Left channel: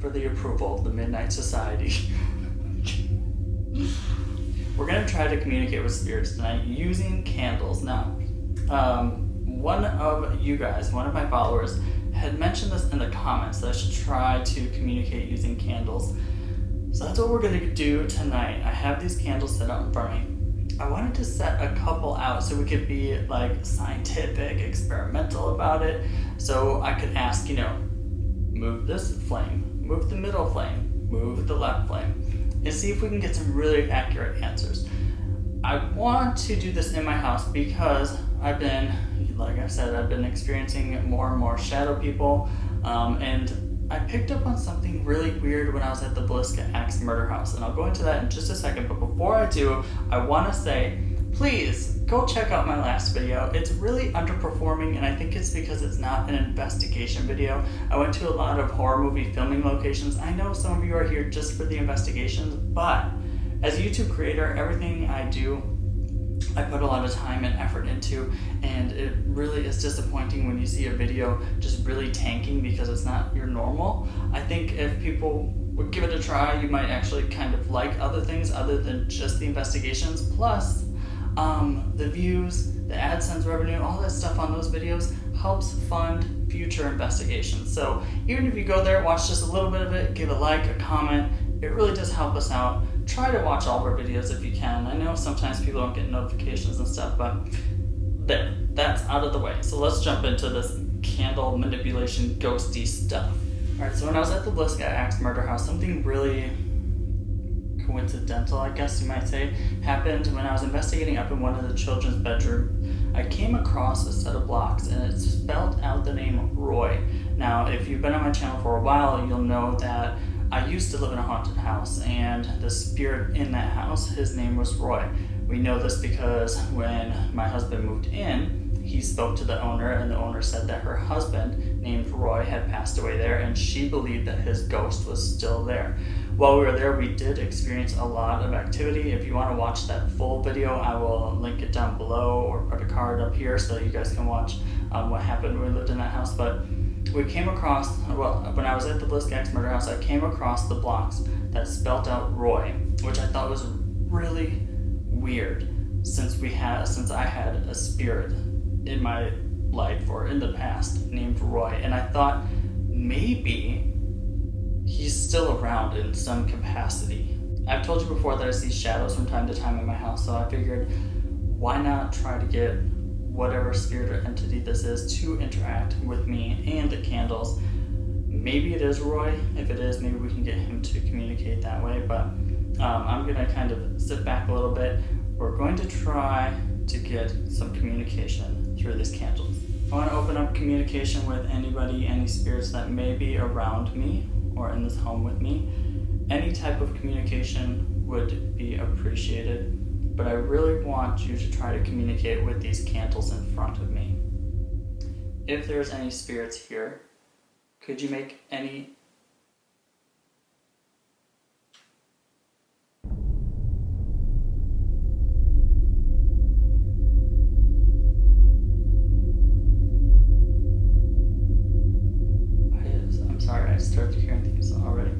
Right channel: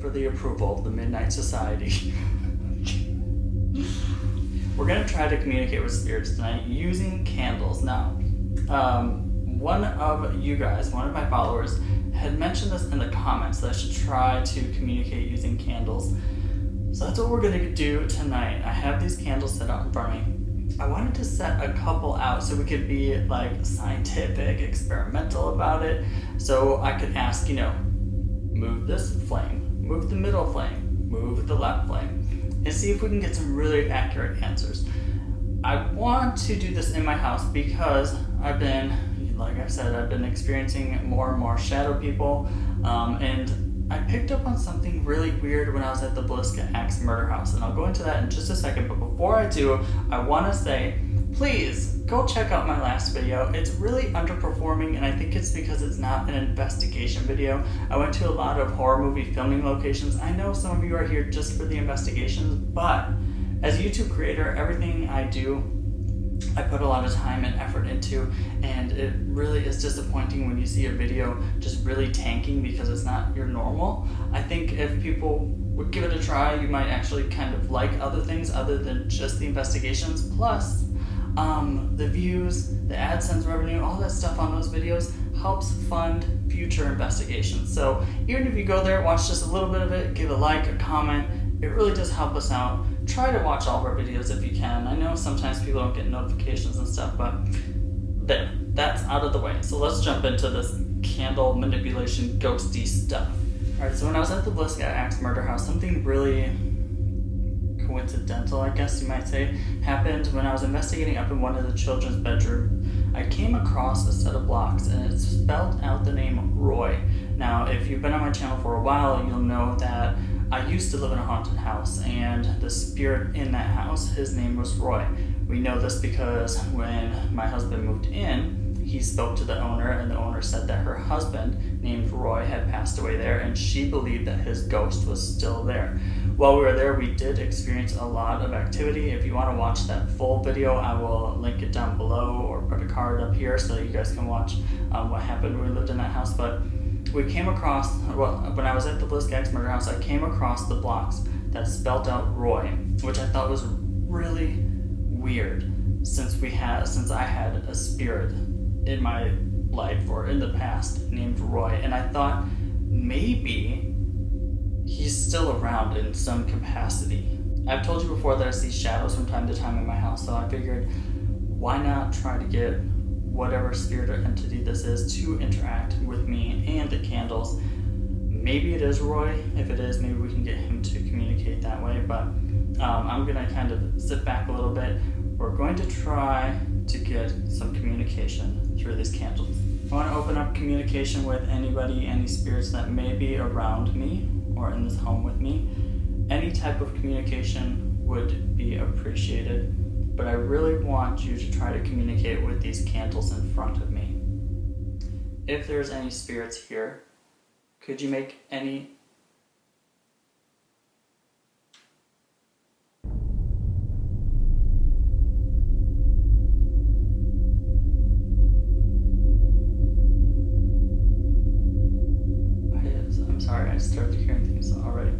for the approval of the Midnight Society. We're going to try to communicate with spirits tonight using candles. Now, one of you guys, one of my followers, had mentioned this in the comments that I should try to communicate using candles. So that's what we're going to do tonight. I have these candles set out in front of me. I wanted to set a couple out so we could be like scientific, experimental about it. So I could ask, move this flame, move the middle flame, move the left flame, and see if we can get some really accurate answers. I want to do this in my house because I've been experiencing more and more shadow people, and I picked up on something really weird when I was at the Bliska Axe murder house, and I'll go into that in just a second, but before I do, I want to say, please go check out my last video. It's really underperforming, and I think it's because it's not an investigation video. I went to a lot of horror movie filming locations. I know some of you are here just for the investigations, but as a YouTube creator, everything I do, I put a lot of time and effort into, and it really is disappointing when you see a video just really tanking because it's not your normal. I think if people would give it a try, you might actually kind of like other things other than just the investigations. Plus, the views, the AdSense revenue, all that stuff on those videos helps fund future investigations. So even if you go there, watch just a little bit of it, give a like, a comment, it really does help us out. Try to watch all of our videos if you can. I know sometimes people don't get notifications and stuff, but there, that's out of the way. So let's jump into this candle manipulation ghosty stuff. Alright, so when I was at the Bliska Axe murder house, something really coincidental, I guess you might say, happened when I was investigating up in one of the children's bedroom. I came across a set of blocks and it spelled out the name Roy. Now, if you've been on my channel for a while, you'll know that I used to live in a haunted house, and the spirit in that house, his name was Roy. We know this because when my husband moved in, he spoke to the owner, and the owner said that her husband, named Roy, had passed away there, and she believed that his ghost was still there. While we were there, we did experience a lot of activity. If you want to watch that full video, I will link it down below or put a card up here so that you guys can watch what happened when we lived in that house. But we came across, when I was at the Bliska Axe murder house, I came across the blocks that spelled out Roy, which I thought was really weird since I had a spirit in my life or in the past named Roy, and I thought maybe he's still around in some capacity. I've told you before that I see shadows from time to time in my house, so I figured why not try to get whatever spirit or entity this is to interact with me and the candles. Maybe it is Roy. If it is, maybe we can get him to communicate that way, but I'm gonna kind of sit back a little bit. We're going to try to get some communication through these candles. I want to open up communication with anybody, any spirits that may be around me or in this home with me. Any type of communication would be appreciated, but I really want you to try to communicate with these candles in front of me. If there's any spirits here, could you make any Sorry, I started hearing things already.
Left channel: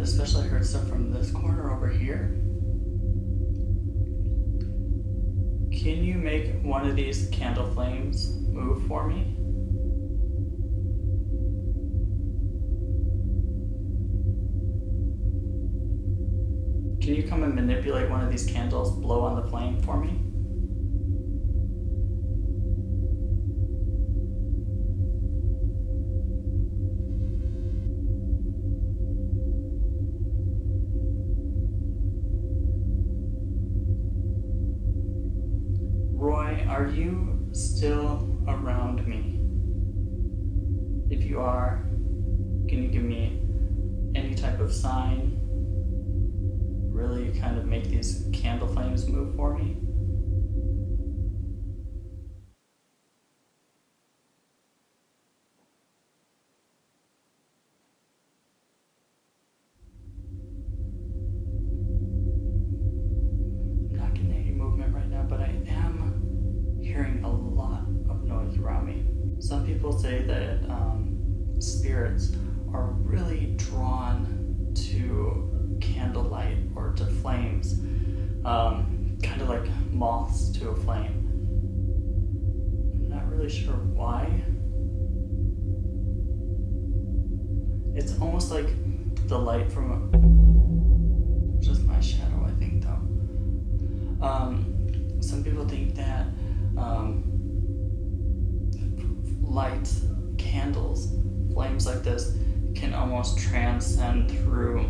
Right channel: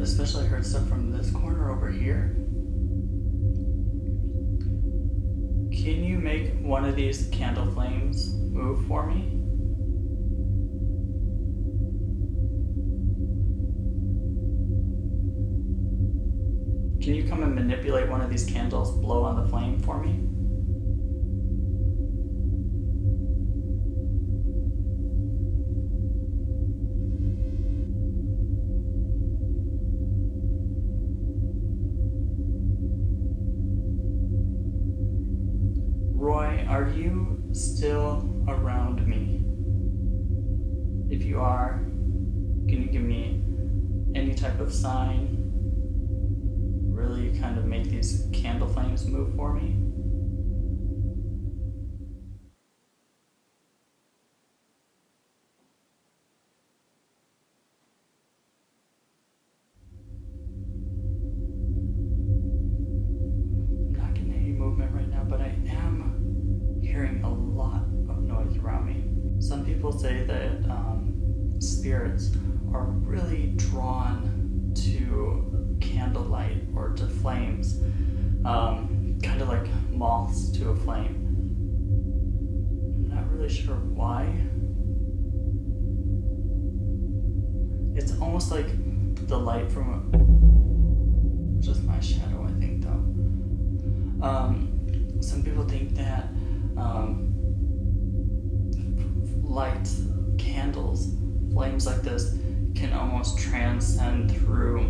Especially I heard stuff from this corner over here. Can you make one of these candle flames move for me? Can you come and manipulate one of these candles, blow on the flame for me? Roy, are you still around me? If you are, can you give me any type of sign? Really kind of make these candle flames move for me? I'm not getting any movement right now, but I am hearing a lot of noise around me. Some people say that spirits are really drawn to candlelight or to flames, kind of like moths to a flame. I'm not really sure why. It's almost like the light from just my shadow, I think, though. Some people think that lights, candles, flames like this can almost transcend through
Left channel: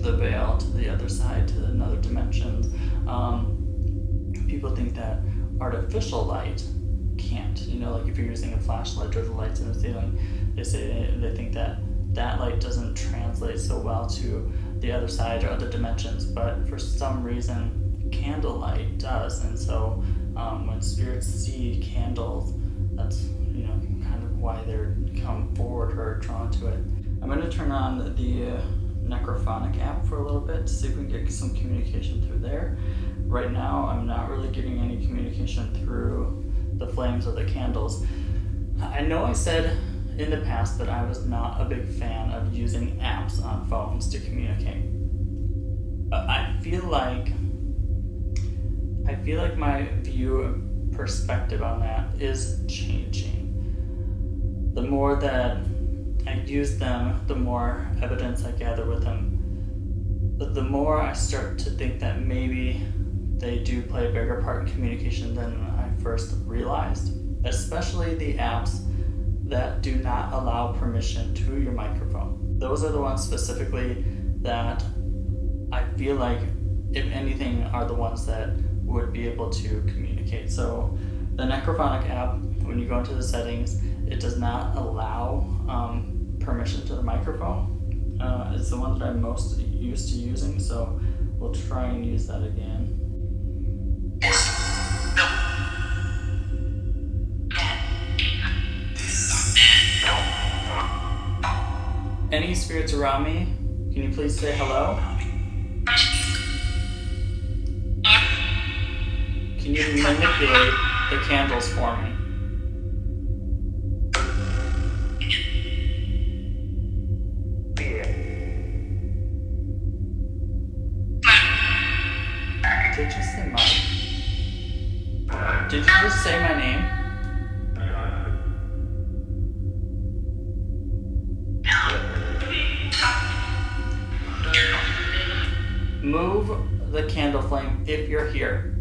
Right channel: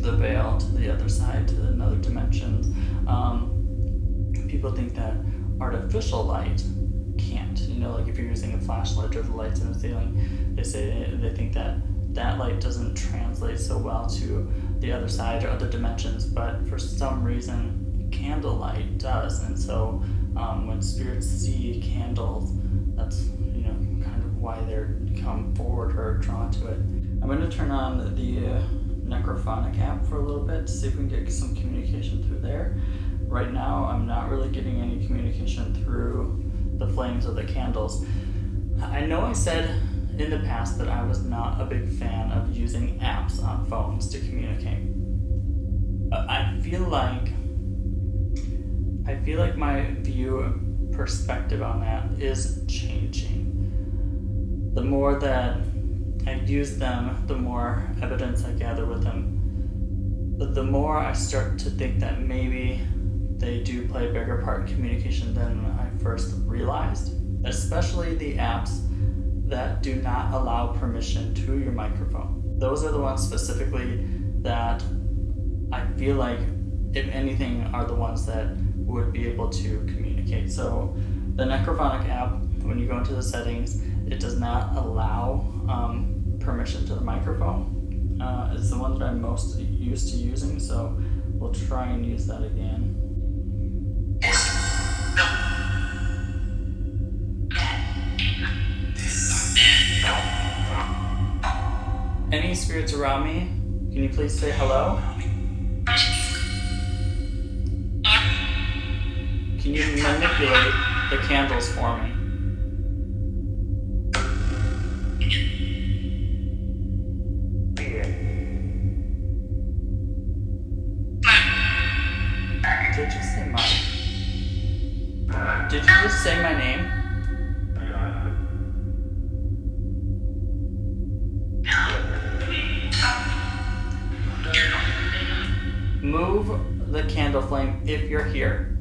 the veil to the other side, to another dimension. People think that artificial light can't. Like if you're using a flashlight or the lights in the ceiling, they think that light doesn't translate so well to the other side or other dimensions, but for some reason candlelight does. And so when spirits see candles, that's kind of why they're come forward or drawn to it. I'm going to turn on the Necrophonic app for a little bit to see if we can get some communication through there. Right now I'm not really getting any communication through the flames of the candles. I know I said in the past that I was not a big fan of using apps on phones to communicate. I feel like my view and perspective on that is changing. The more that I use them, the more evidence I gather with them, but the more I start to think that maybe they do play a bigger part in communication than I first realized, especially the apps that do not allow permission to your microphone. Those are the ones specifically that I feel like, if anything, are the ones that would be able to communicate. So the Necrophonic app, when you go into the settings, it does not allow permission to the microphone. It's the one that I'm most used to using, so we'll try and use that again. Any spirits around me, can you please say hello? Can you manipulate the candles for me? Did you say mine? Did you just say my name? Move the candle flame if you're here.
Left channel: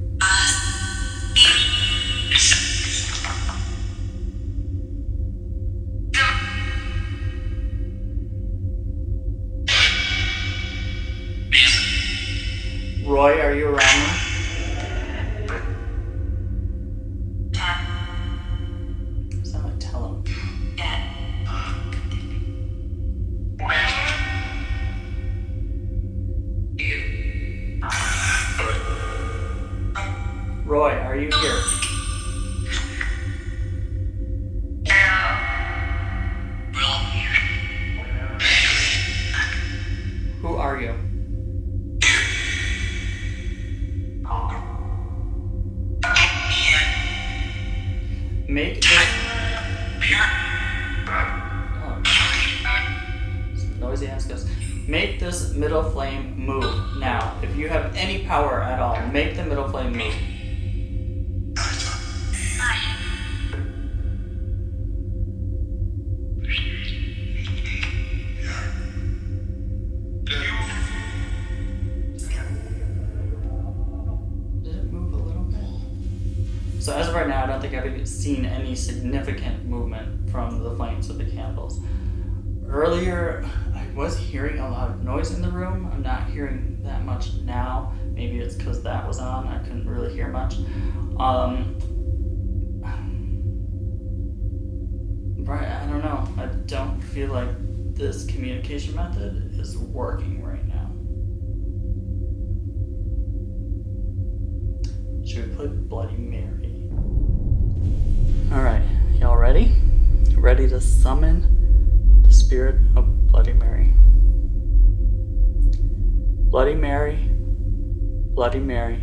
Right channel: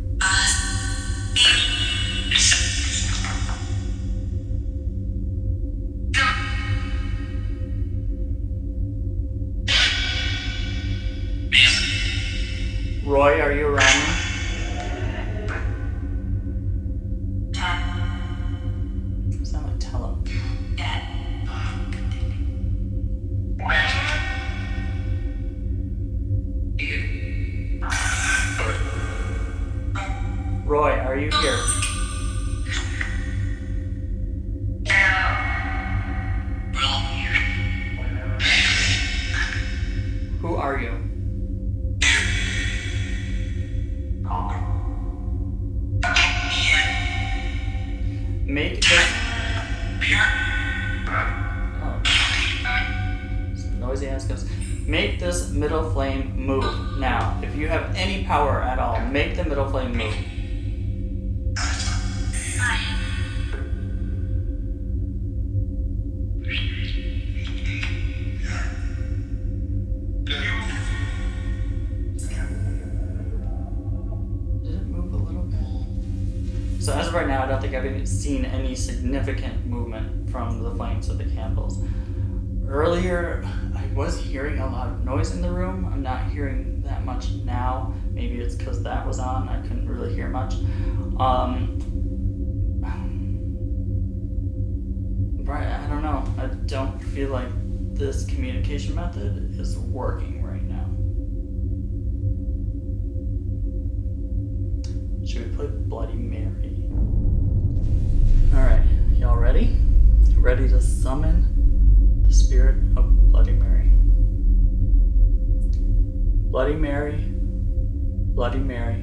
Roy, are you around me? Sound like tell him. Roy, are you here? Who are you? Make this... Oh. Some noisy ass ghost. Make this middle flame move now. If you have any power at all, make the middle flame move. So as of right now, I don't think I've seen any significant movement from the flames of the candles. Earlier, I was hearing a lot of noise in the room. I'm not hearing that much now. Maybe it's because that was on. I couldn't really hear much. Right, I don't know. I don't feel like this communication method is working right now. Should we play Bloody Mary? Alright, y'all ready? Ready to summon the spirit of Bloody Mary. Bloody Mary, Bloody Mary,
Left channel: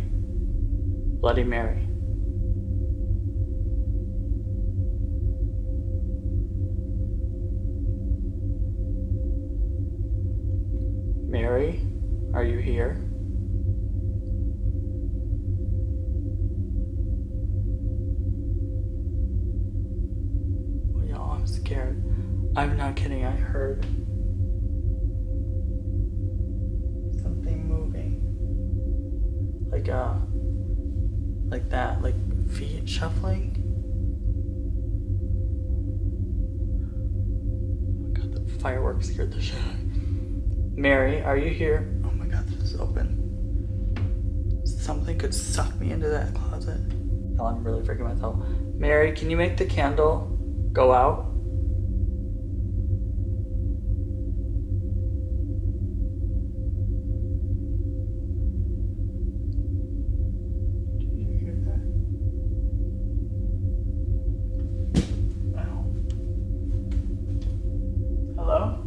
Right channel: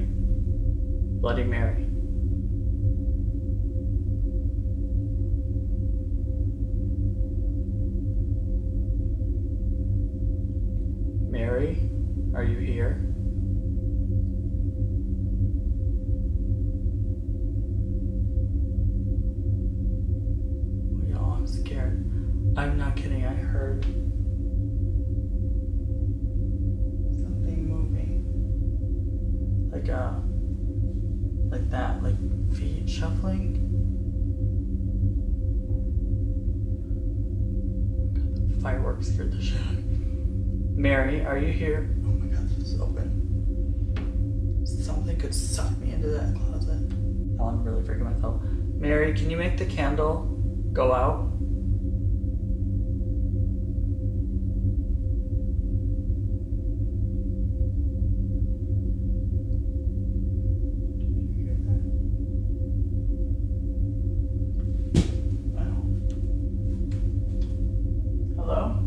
Bloody Mary. Mary, are you here? Oh, y'all, I'm scared. I'm not kidding, I heard something moving. Like that, like feet shuffling. Oh my god, the fireworks scared the shit out of me. Mary, are you here? Oh my god, this is open. Something could suck me into that closet. Oh, I'm really freaking myself. Mary, can you make the candle go out? Hello?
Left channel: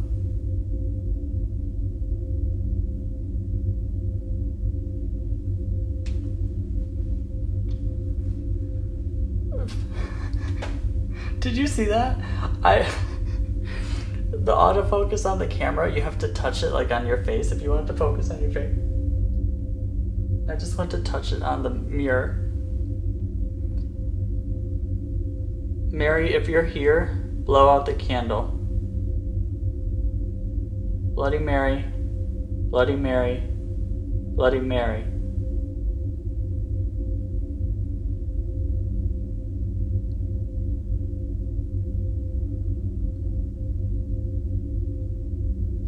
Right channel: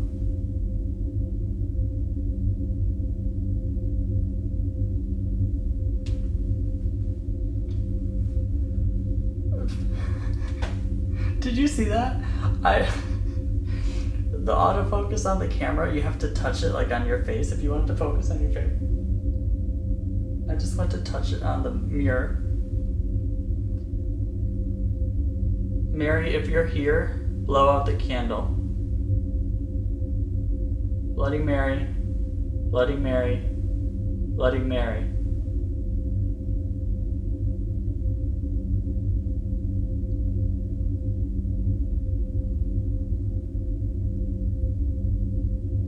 Did you see that? The autofocus on the camera, you have to touch it like on your face if you want it to focus on your face. I just want to touch it on the mirror. Mary, if you're here, blow out the candle. Bloody Mary, Bloody Mary, Bloody Mary.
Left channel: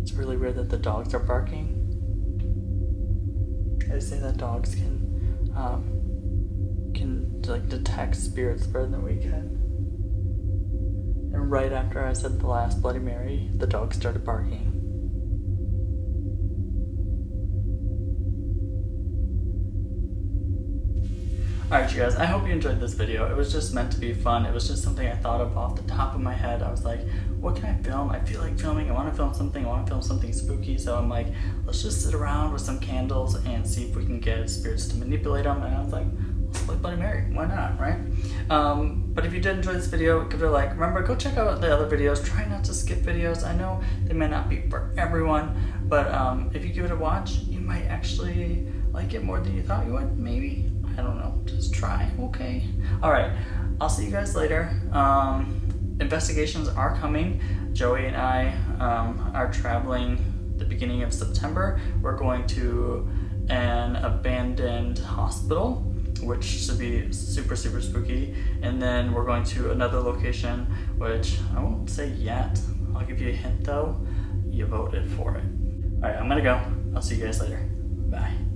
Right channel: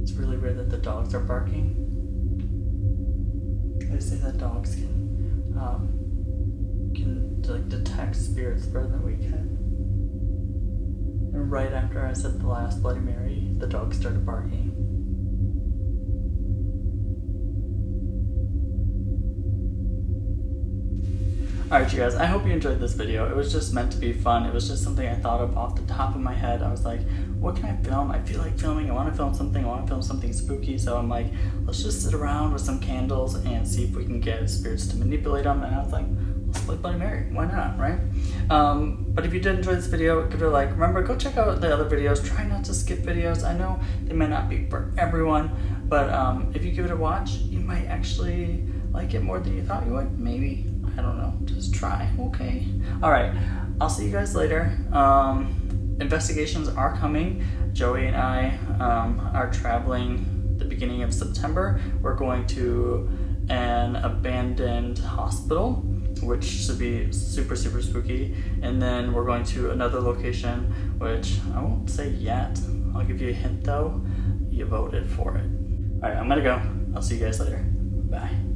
It's really weird that the dogs are barking. They say that dogs can like detect spirits better than we can. And right after I said the last Bloody Mary, the dog started barking. Alright you guys, I hope you enjoyed this video. It was just meant to be fun. It was just something I thought of off the top of my head. I was like, what can I film? I feel like filming. I want to film something spooky. So I'm like, let's just sit around with some candles and see if we can get spirits to manipulate them. And I was like, let's play Bloody Mary. Why not, right? But if you did enjoy this video, give it a like. Remember, go check out the other videos. Try not to skip videos. I know they may not be for everyone, but if you give it a watch, you might actually like it more than you thought you would, maybe. I don't know, just try, okay? All right, I'll see you guys later. Investigations are coming. Joey and I are traveling the beginning of September. We're going to an abandoned hospital, which should be super, super spooky. And then we're going to another location, which I won't say yet. I'll give you a hint though. You voted for it. All right, I'm gonna go. I'll see you guys later. Bye.